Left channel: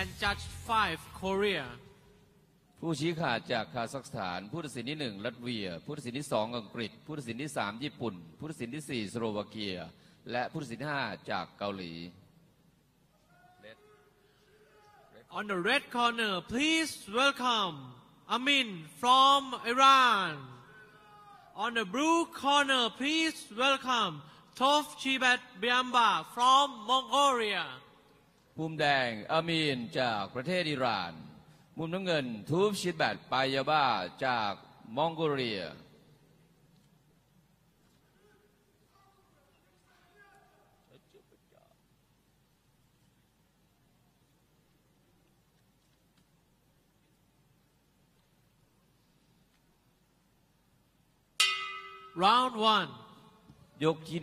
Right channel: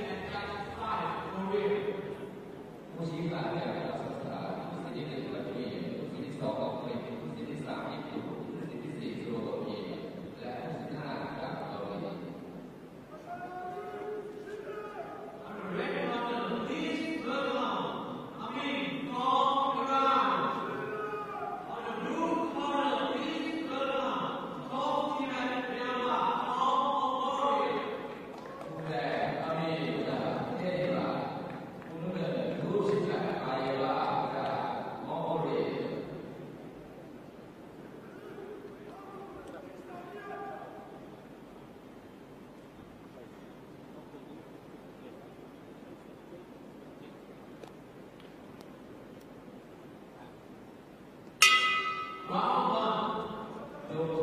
and Judge 5 Korea ผู้ชี้ขาดจากคาซัคสถานผู้ตัดสินที่1รัสเซียผู้ตัดสินที่2อังกฤษผู้ตัดสินที่3ญี่ปุ่นผู้ตัดสินที่4สโลวาเกียและผู้ตัดสินที่5จากเกาหลี On the red corner please welcome Amin from Iran On the blue corner please welcome Tov Chiban Biamba from Mongolia มุมแดงอามีนจากประเทศอิหร่านมุมน้ำเงินทูบชิดแบตปายาบาจากมองโกเลียRound 1 ยกที่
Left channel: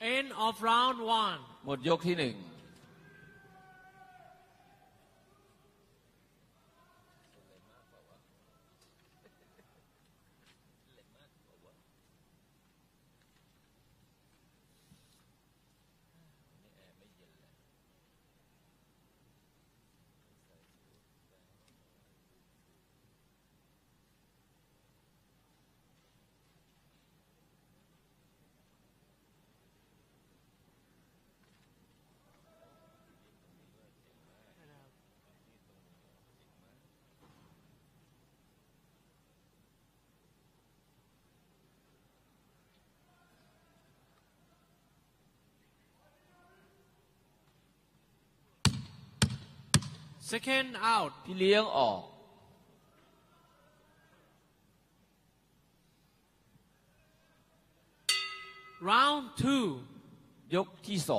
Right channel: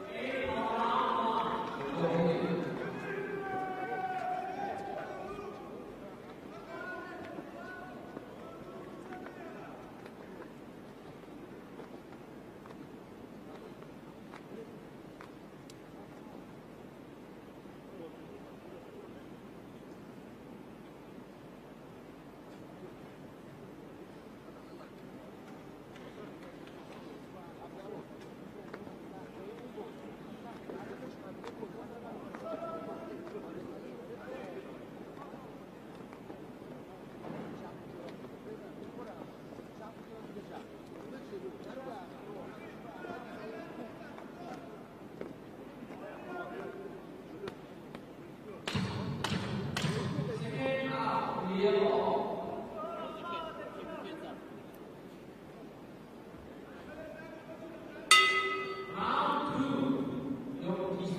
1End of round 1หมดยกที่ 1Second out เลี้ยงออก Round 2 ยกที่ 2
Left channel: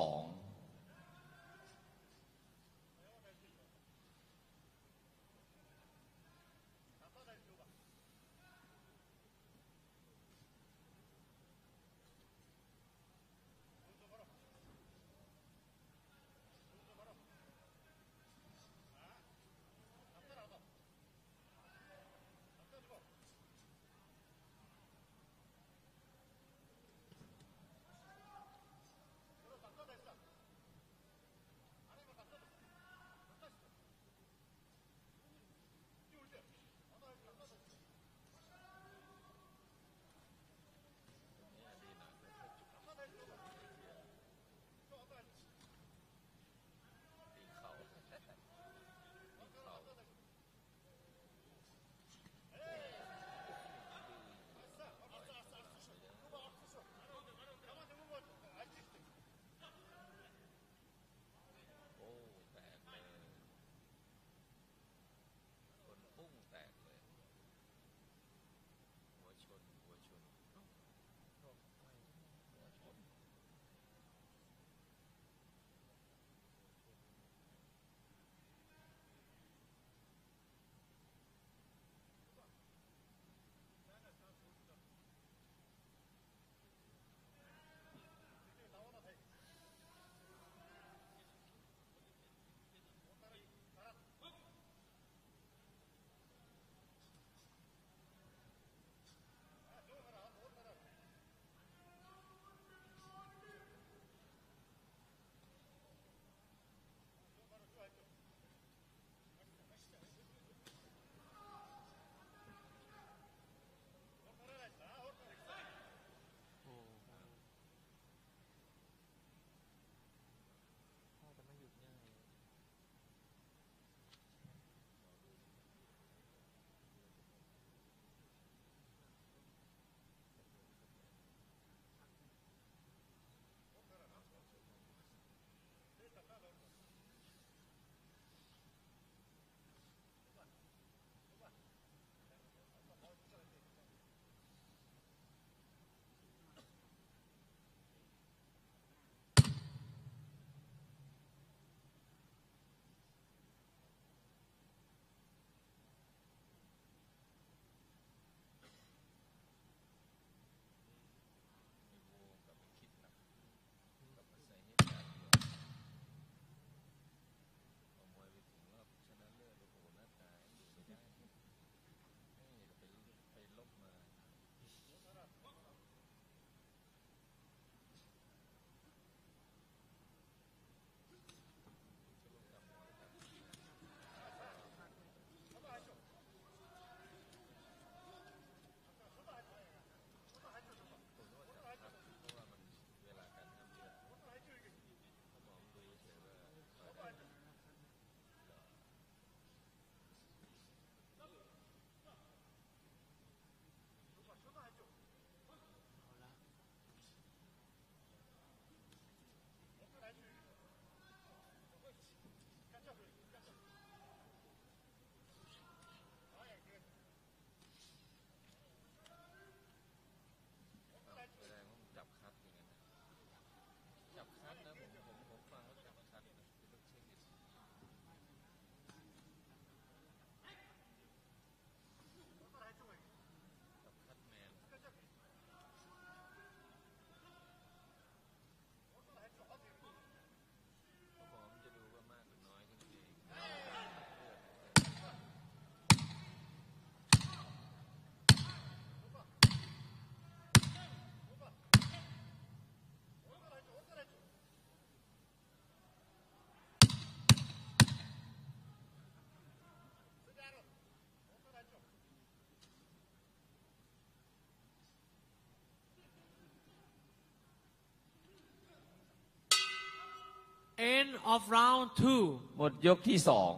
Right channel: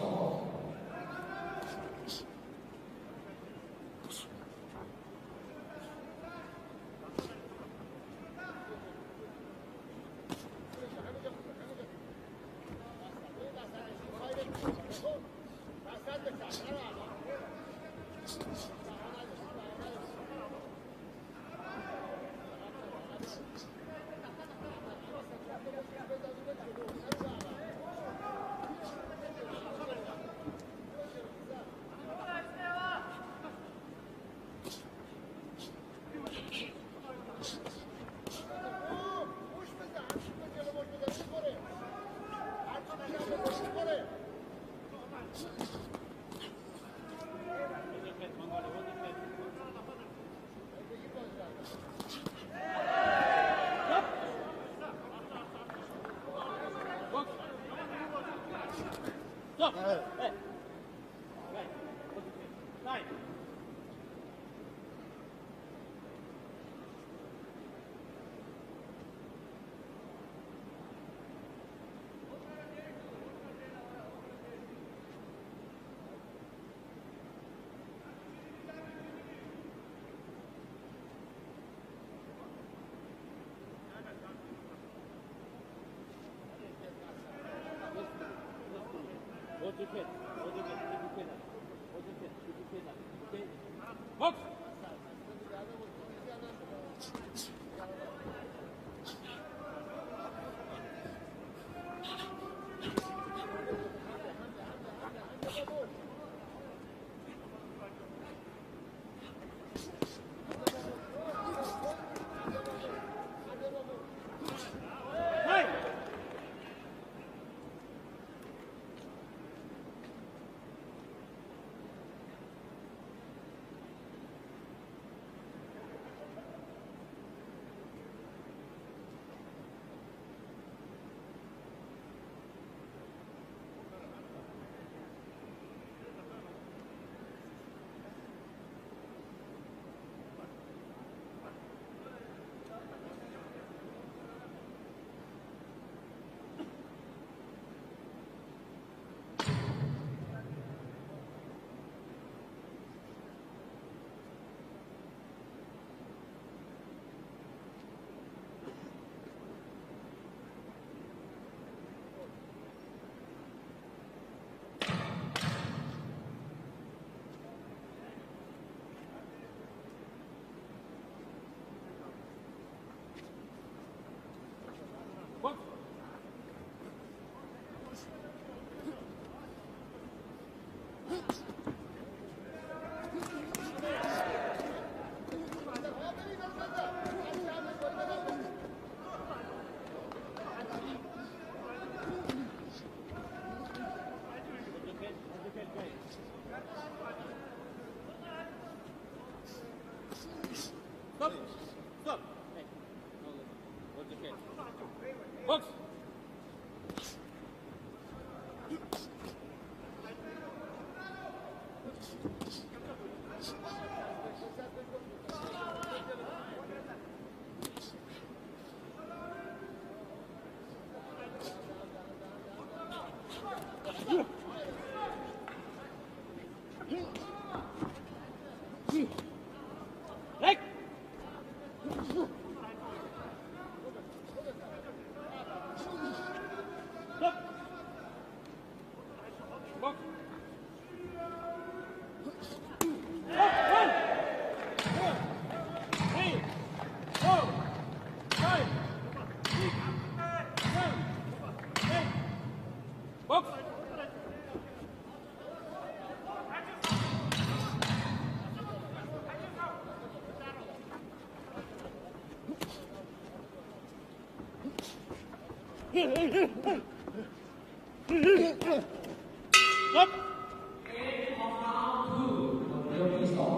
End of round 2. หมดยกที่สอง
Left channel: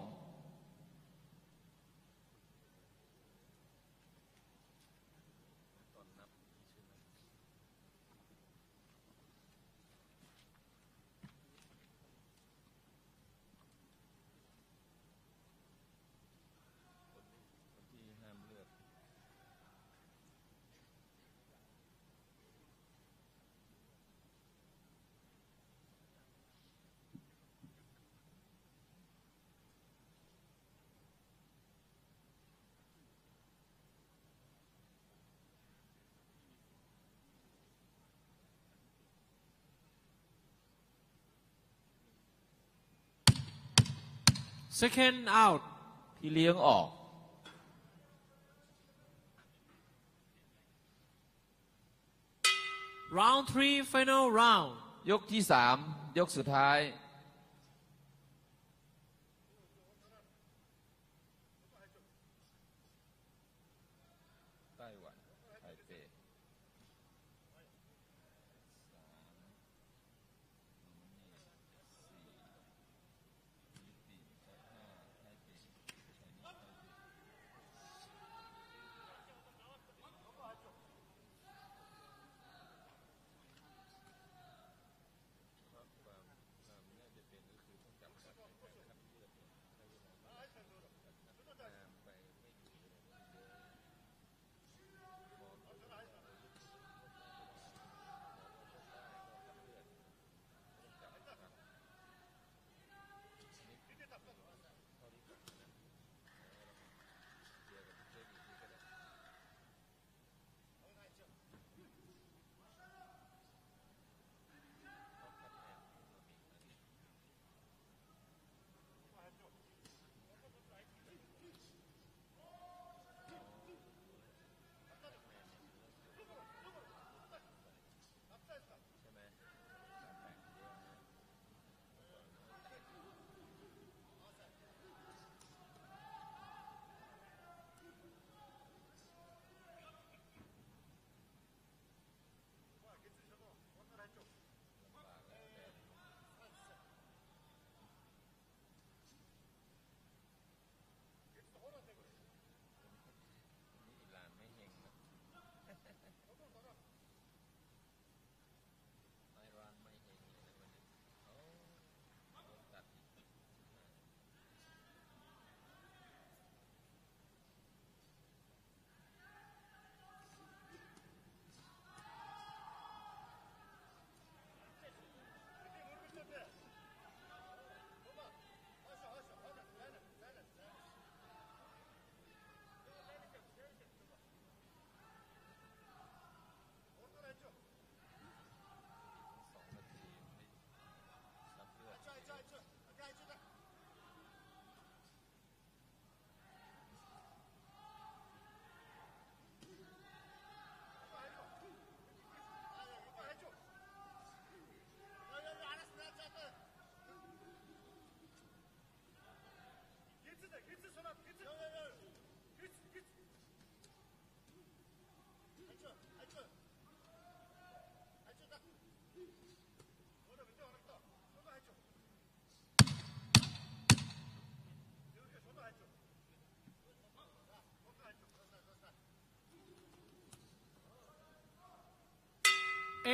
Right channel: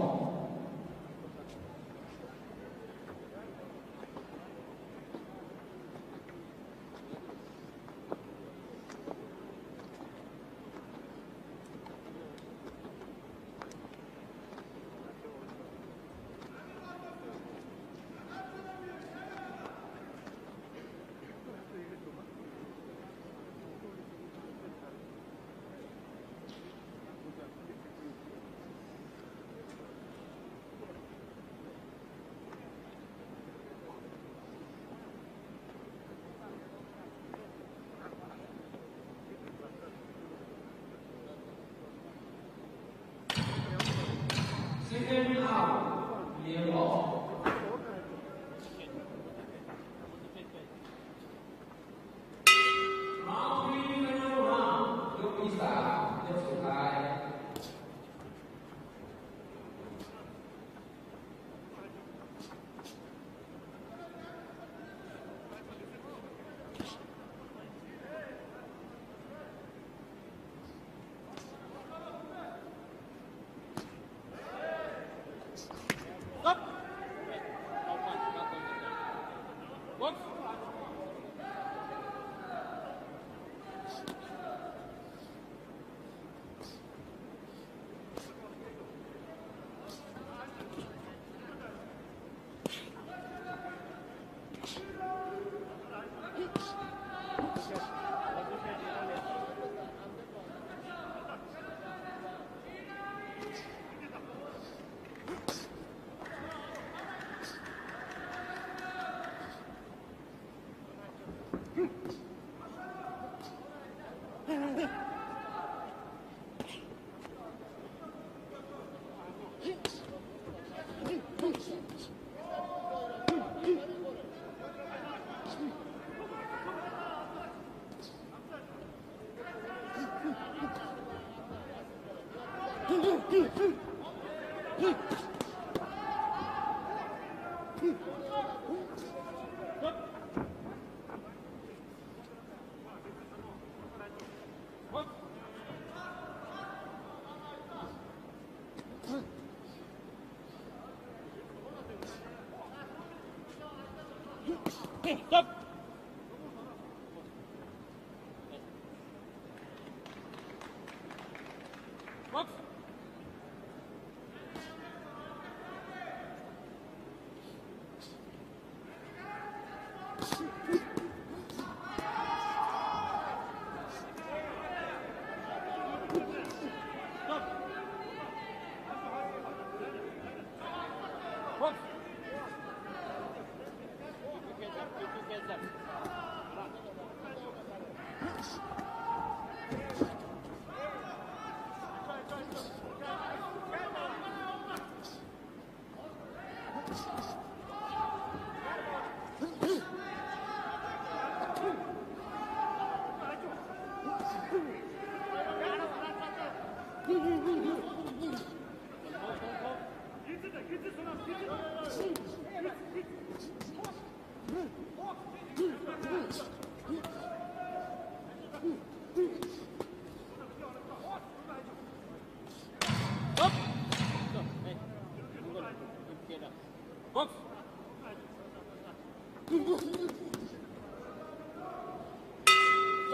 Second out. ที่เลี้ยงออก Round 3 final round. ยกที่สามยกสุดท้าย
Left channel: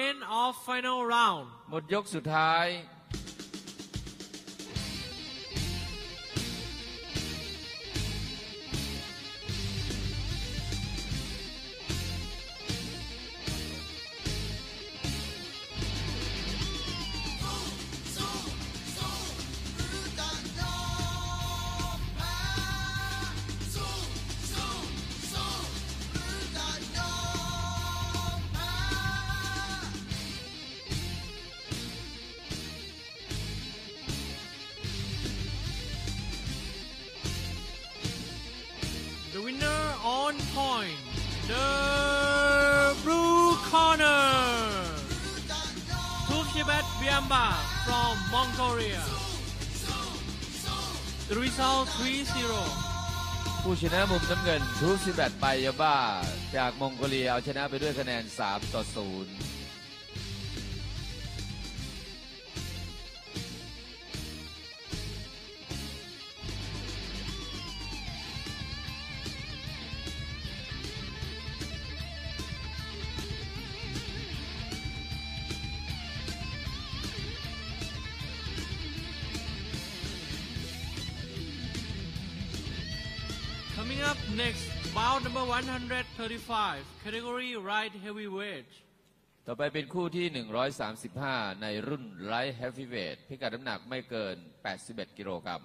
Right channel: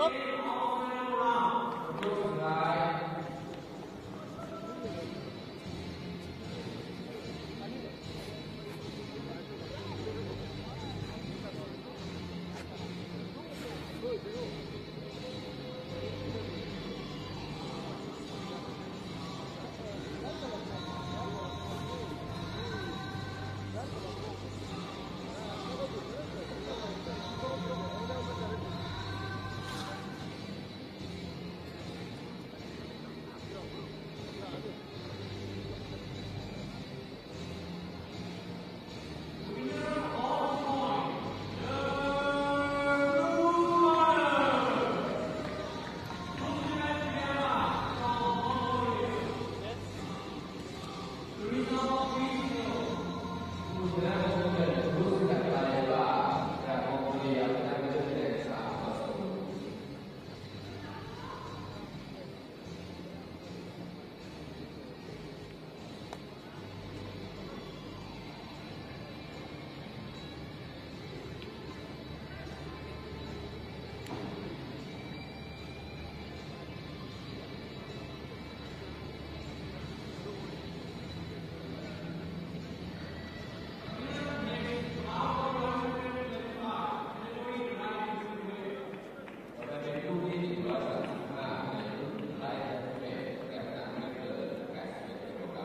End of final round. หมดยกสุดท้าย The winner on point, the blue corner, Tusibat Vyama from Mongolia. The result 3-0. ผู้ชนะมุมน้ำเงินทูสิแบตไบยาบ้าจากมองโกเลียเอาชนะไปด้วยคะแนน 3-0Coming up next, bout number 135, category light heavyweight. ต่อไปเป็นคู่ที่ 135 ในรุ่นไลท์แฮฟวีเวทพิกัดน้ำหนักไม่เกิน 81 กิโลกรัม